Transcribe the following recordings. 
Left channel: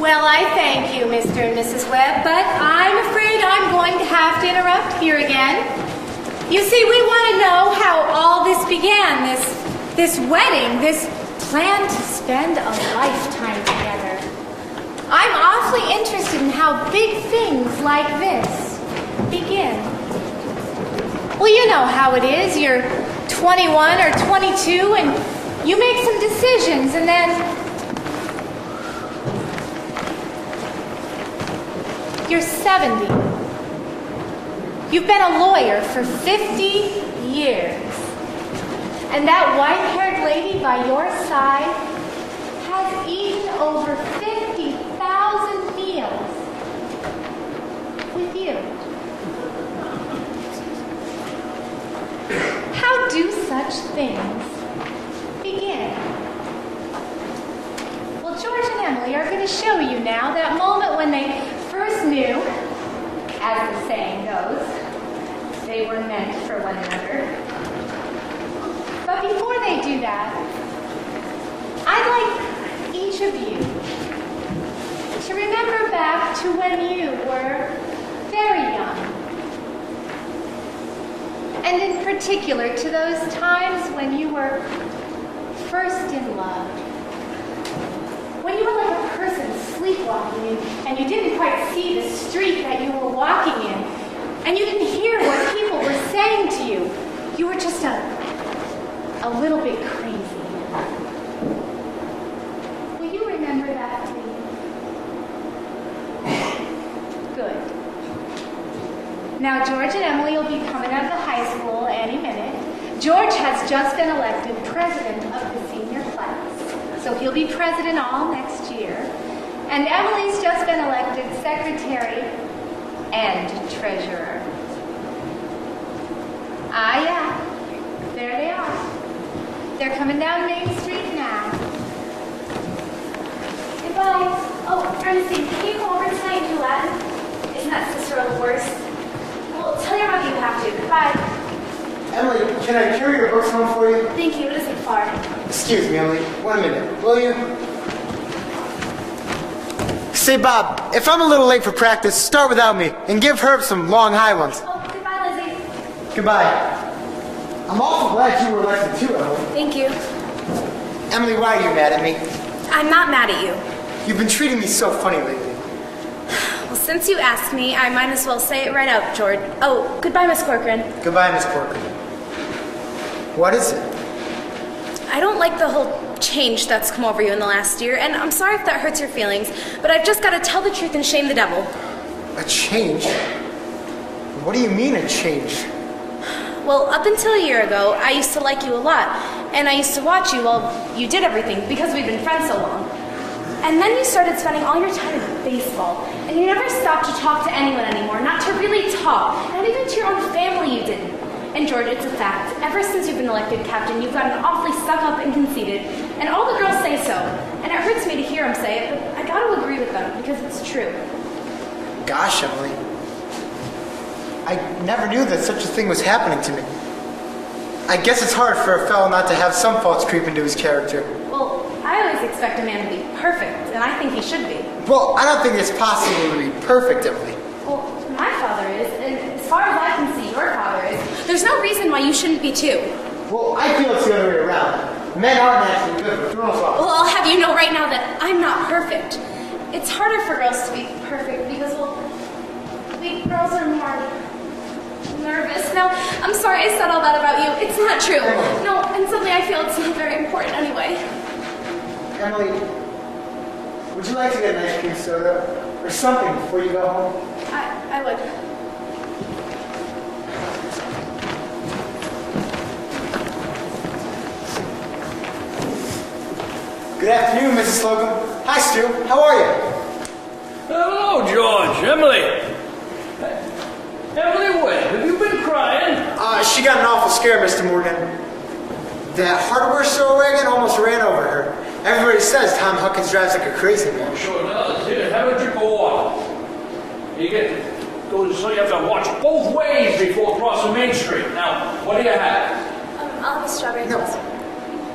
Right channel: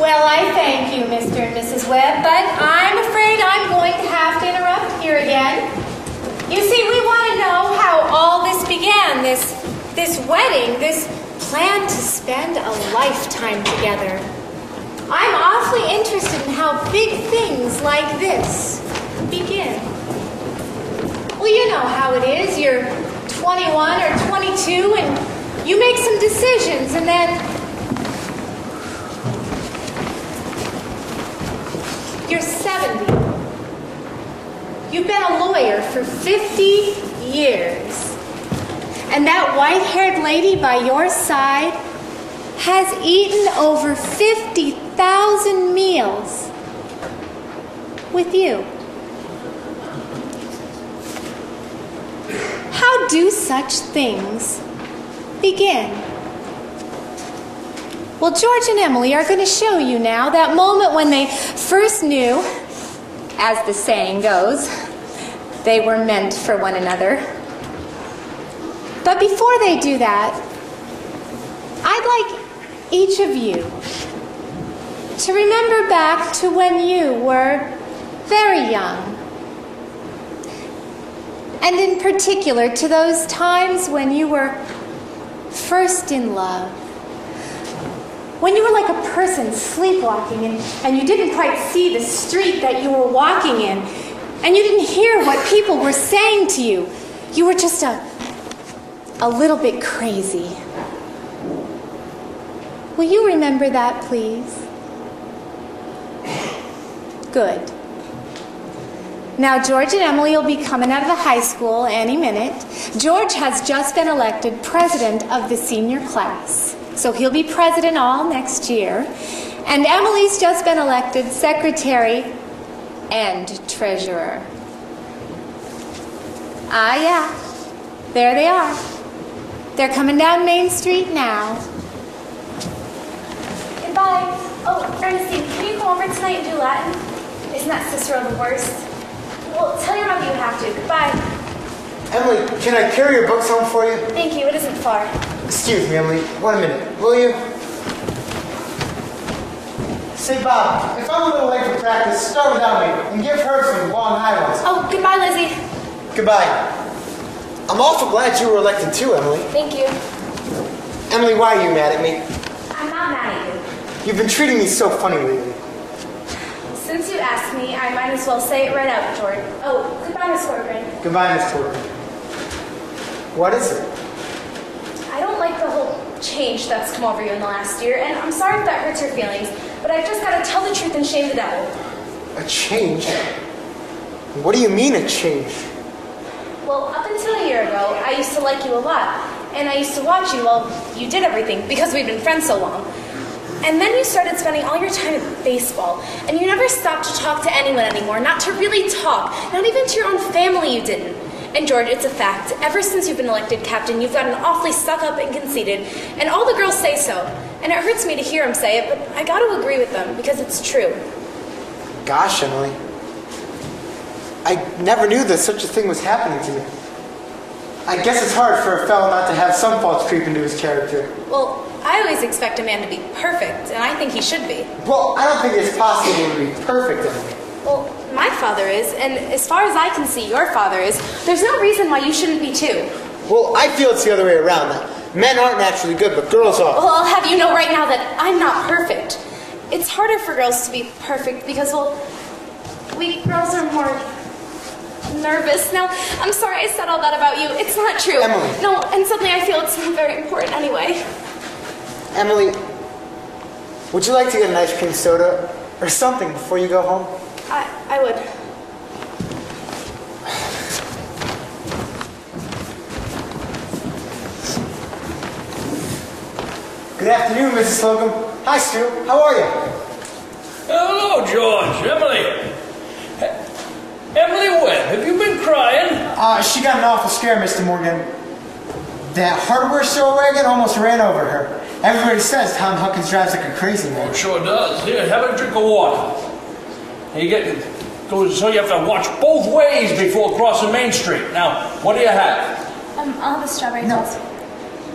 Well, I thank you, Mr. and Mrs. Webb, but I'm afraid I'm going to have to interrupt here again. You see, we want to know how all this began, this wedding, this plan to spend a lifetime together. I'm awfully interested in how big things like this begin. Well, you know how it is. You're 21 or 22 and you make some decisions and then you're 70. You've been a lawyer for 50 years. And that white-haired lady by your side has eaten over 50,000 meals with you. How do such things begin? Well, George and Emily are going to show you now that moment when they first knew, as the saying goes, they were meant for one another. But before they do that, I'd like each of you to remember back to when you were very young. And in particular, to those times when you were first in love. When you were like a person sleepwalking and you didn't quite see the street that you were walking in, and you didn't hear what people were saying to you. You were just a little bit crazy. Will you remember that, please? Good. Now, George and Emily will be coming out of the high school any minute. George has just been elected president of the senior class, so he'll be president all next year. And Emily's just been elected secretary and treasurer. Ah, yeah. There they are. They're coming down Main Street now. Goodbye. Oh, Ernestine, can you come over tonight and do Latin? Isn't that Cicero the worst? Well, tell your mother you have to. Goodbye. Emily, can I carry your books home for you? Thank you. It isn't far. Excuse me, Emily. 1 minute, will you? Say, Bob, if I'm a little late for practice, start without me and give Herb some long high ones. Oh, goodbye, Lizzie. Goodbye. I'm awful glad you were elected too, Emily. Thank you. Emily, why are you mad at me? I'm not mad at you. You've been treating me so funny lately. Since you asked me, I might as well say it right out, George. Oh, goodbye, Miss Corcoran. Goodbye, Miss Corcoran. What is it? I don't like the whole change that's come over you in the last year, and I'm sorry if that hurts your feelings, but I've just got to tell the truth and shame the devil. A change? What do you mean, a change? Well, up until a year ago, I used to like you a lot, and I used to watch you while you did everything because we'd been friends so long. And then you started spending all your time in baseball, and you never stopped to talk to anyone anymore, not to really talk, not even to your own family you didn't. And George, it's a fact. Ever since you've been elected captain, you've gotten awfully stuck up and conceited, and all the girls say so. And it hurts me to hear them say it, but I gotta agree with them, because it's true. Gosh, Emily. I never knew that such a thing was happening to me. I guess it's hard for a fellow not to have some faults creep into his character. Well, I always expect a man to be perfect, and I think he should be. Well, I don't think it's possible to be perfect, Emily. Well, my father is, and as far as I can see, your father is. There's no reason why you shouldn't be too. Well, I feel it's the other way around. Men are naturally good, but girls are. Well, I'll have you know right now that I'm not perfect. It's harder for girls to be perfect because, well, we girls are more nervous. Now, I'm sorry I said all that about you. It's not true. Emily. No, and suddenly I feel it's not very important anyway. Emily, would you like to get an ice cream soda or something before you go home? I would. Good afternoon, Mrs. Slocum. Hi, Stu. How are you? Hello, George. Emily. Emily Webb, have you been crying? She got an awful scare, Mr. Morgan. That hardware store wagon almost ran over her. Everybody says Tom Huckins drives like a crazy man. Oh, sure does. Here, have a drink of water. You get goes so you have to watch both ways before crossing Main Street. Now, what do you have? I'll have a strawberry No. toast.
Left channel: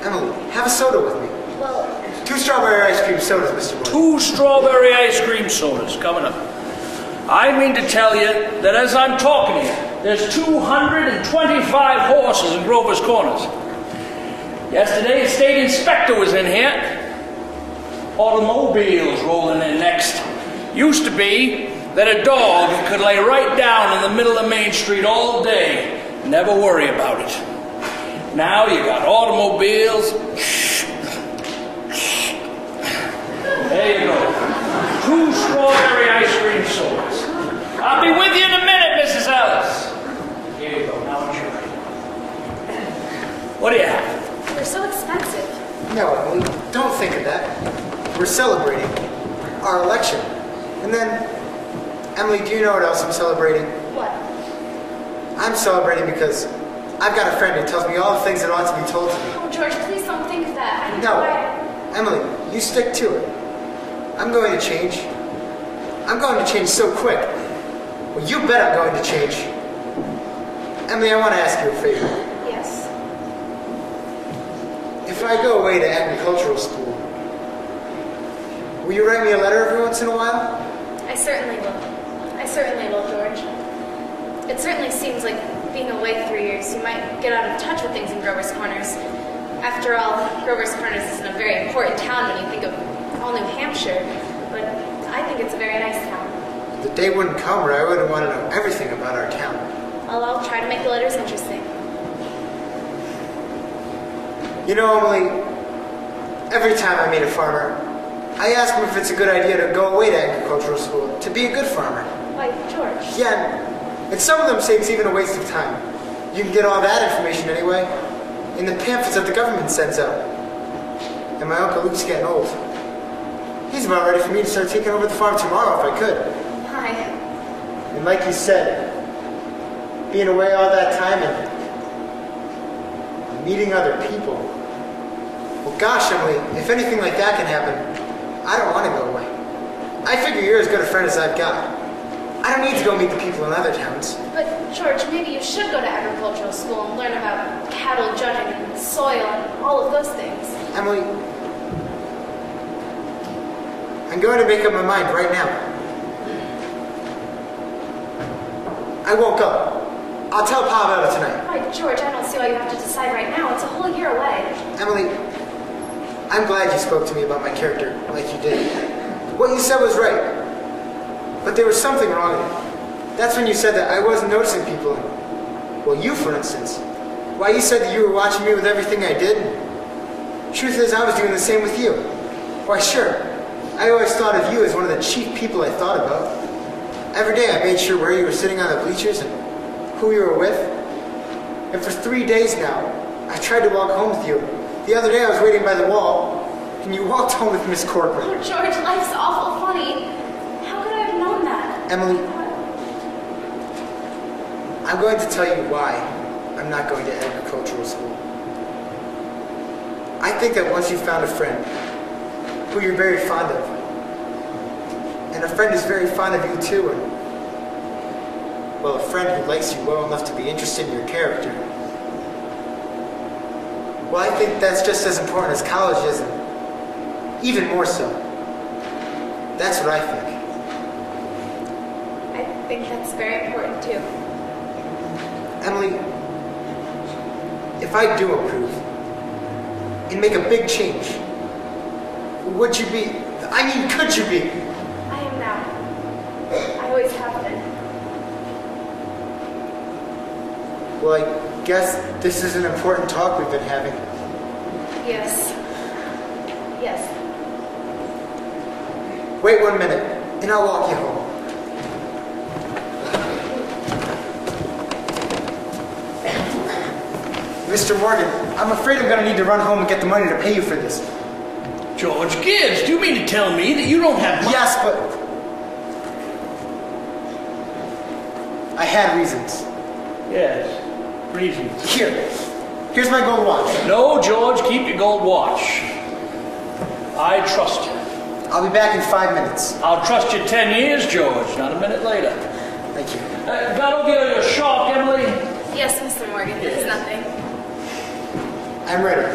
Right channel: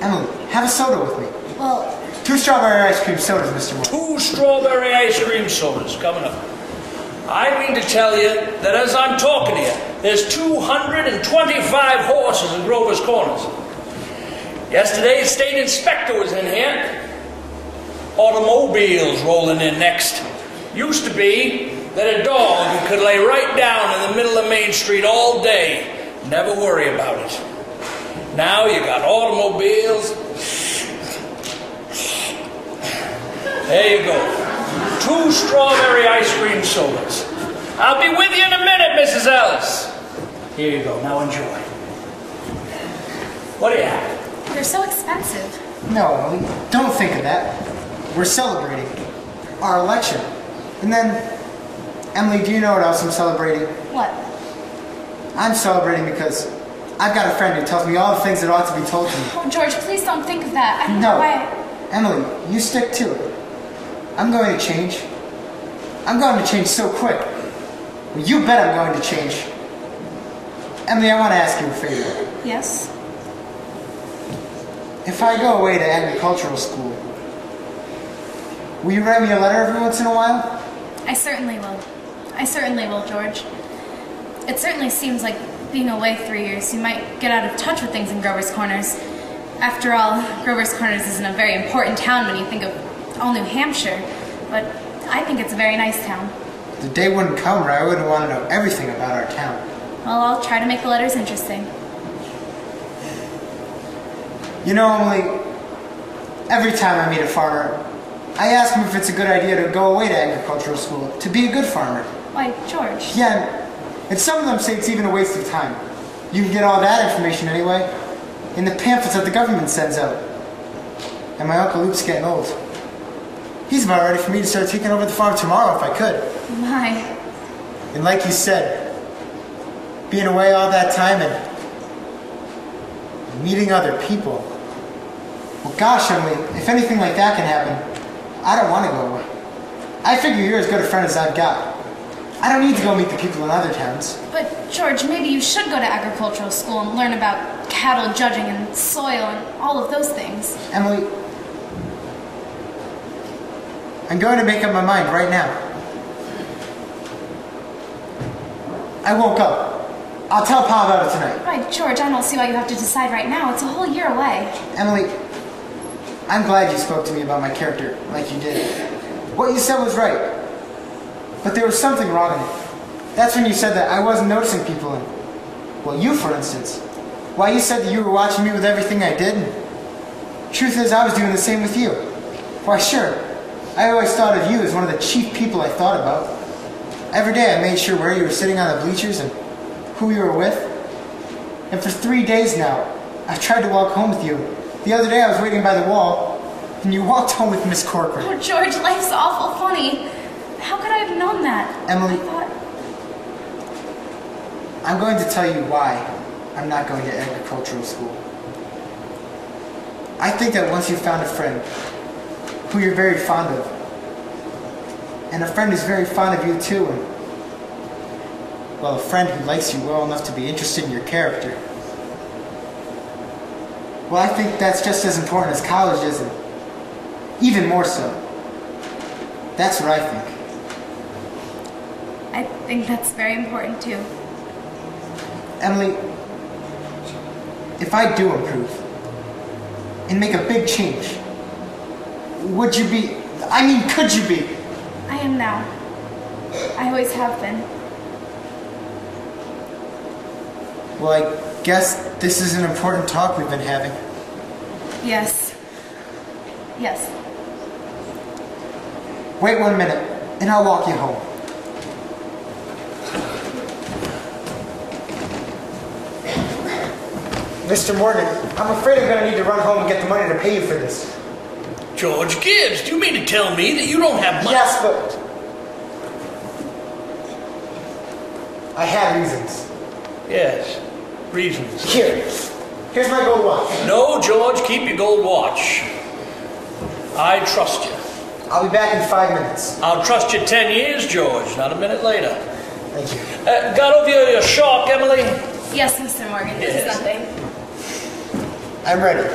Emily, have a soda with me. Well, 2 strawberry ice cream sodas, Mr. Morgan. 2 strawberry ice cream sodas coming up. I mean to tell you that as I'm talking to you, there's 225 horses in Grover's Corners. Yesterday, the state inspector was in here. Automobiles rolling in next. Used to be that a dog could lay right down in the middle of Main Street all day, never worry about it. Now you got automobiles. There you go. 2 strawberry ice cream sodas. I'll be with you in a minute, Mrs. Ellis. Here you go. Now enjoy. What do you have? They're so expensive. No, Emily, don't think of that. We're celebrating our election. And then, Emily, do you know what else I'm celebrating? What? I'm celebrating because I've got a friend who tells me all the things that ought to be told to me. Oh, George, please don't think of that. I don't No, know why. Emily, you stick to it. I'm going to change. I'm going to change so quick. Well, you bet I'm going to change. Emily, I want to ask you a favor. Yes? If I go away to agricultural school, will you write me a letter every once in a while? I certainly will. I certainly will, George. It certainly seems like being away 3 years, you might get out of touch with things in Grover's Corners. After all, Grover's Corners isn't a very important town when you think of all New Hampshire, but I think it's a very nice town. The day wouldn't come where I wouldn't want to know everything about our town. Well, I'll try to make the letters interesting. You know, Emily, every time I meet a farmer, I ask him if it's a good idea to go away to agricultural school, to be a good farmer. Why, George? Yeah, and some of them say it's even a waste of time. You can get all that information anyway, in the pamphlets that the government sends out. And my Uncle Luke's getting old. He's about ready for me to start taking over the farm tomorrow if I could. My. And like you said, being away all that time and meeting other people. Well, gosh, Emily, if anything like that can happen, I don't want to go away. I figure you're as good a friend as I've got. I don't need to go meet the people in other towns. But, George, maybe you should go to agricultural school and learn about cattle judging and soil and all of those things. Emily, I'm going to make up my mind right now. I won't go. I'll tell Pa about it tonight. Why, George, I don't see why you have to decide right now. It's a whole year away. Emily, I'm glad you spoke to me about my character like you did. What you said was right. But there was something wrong in it. That's when you said that I wasn't noticing people in. Well, you, for instance. Why, you said that you were watching me with everything I did. Truth is, I was doing the same with you. Why, sure. I always thought of you as one of the chief people I thought about. Every day I made sure where you were sitting on the bleachers and who you were with. And for 3 days now, I tried to walk home with you. The other day I was waiting by the wall, and you walked home with Miss Corcoran. Oh, George, life's awful funny. How could I have known that? Emily, I thought... I'm going to tell you why I'm not going to agricultural school. I think that once you've found a friend who you're very fond of, and a friend who's very fond of you too, and, well, a friend who likes you well enough to be interested in your character, well, I think that's just as important as college is, and even more so. That's what I think. I think that's very important, too. Emily, if I do improve and make a big change, would you be, I mean, could you be? I am now. I always have been. Well, I guess this is an important talk we've been having. Yes. Yes. Wait 1 minute, and I'll walk you home. Mr. Morgan, I'm afraid I'm going to need to run home and get the money to pay you for this. George Gibbs, do you mean to tell me that you don't have money? Yes, but I had reasons. Yes, reasons. Here's my gold watch. No, George, keep your gold watch. I trust you. I'll be back in 5 minutes. I'll trust you 10 years, George, not a minute later. Thank you. Got over your shock, Emily? Yes, Mr. Morgan. This is nothing. I'm ready.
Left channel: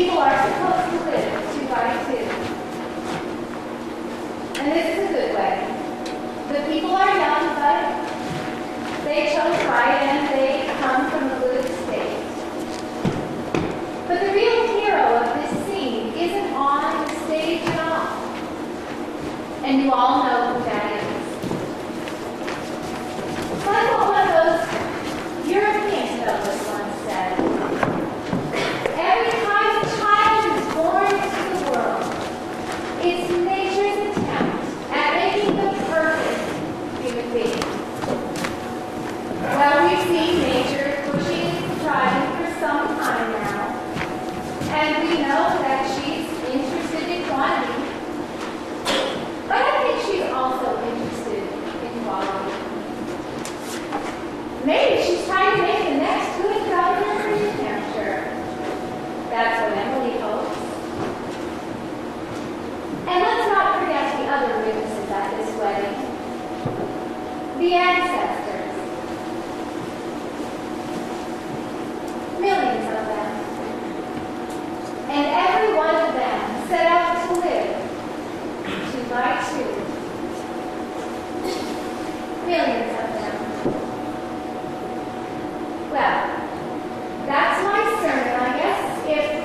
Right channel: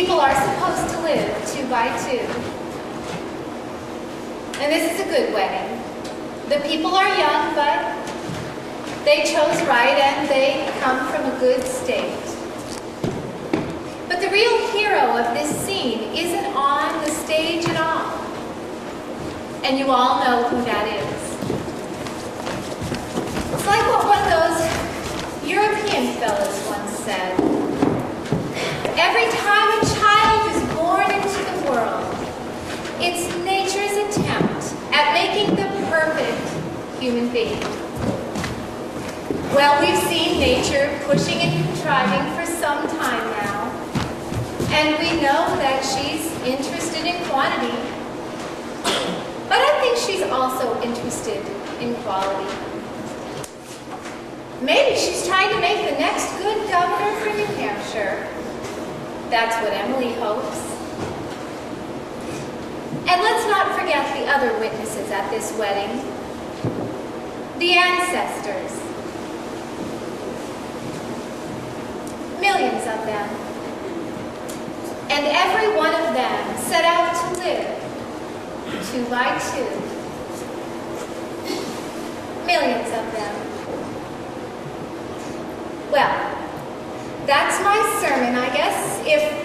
People are supposed to live 2 by 2. And this is a good wedding. The people are young, but they chose right and they come from a good state. But the real hero of this scene isn't on the stage at all. And you all know who that is. It's like what one of those European fellows once said. Every time a child is born into the world, it's nature's attempt at making the perfect human being. Well, we've seen nature pushing and contriving for some time now, and we know that she's interested in quantity, but I think she's also interested in quality. Maybe she's trying to make the next good governor for New Hampshire. That's what Emily hopes. And let's not forget the other witnesses at this wedding. The ancestors. Millions of them. And every one of them set out to live 2 by 2. Millions of them. Well, that's my sermon, I guess. If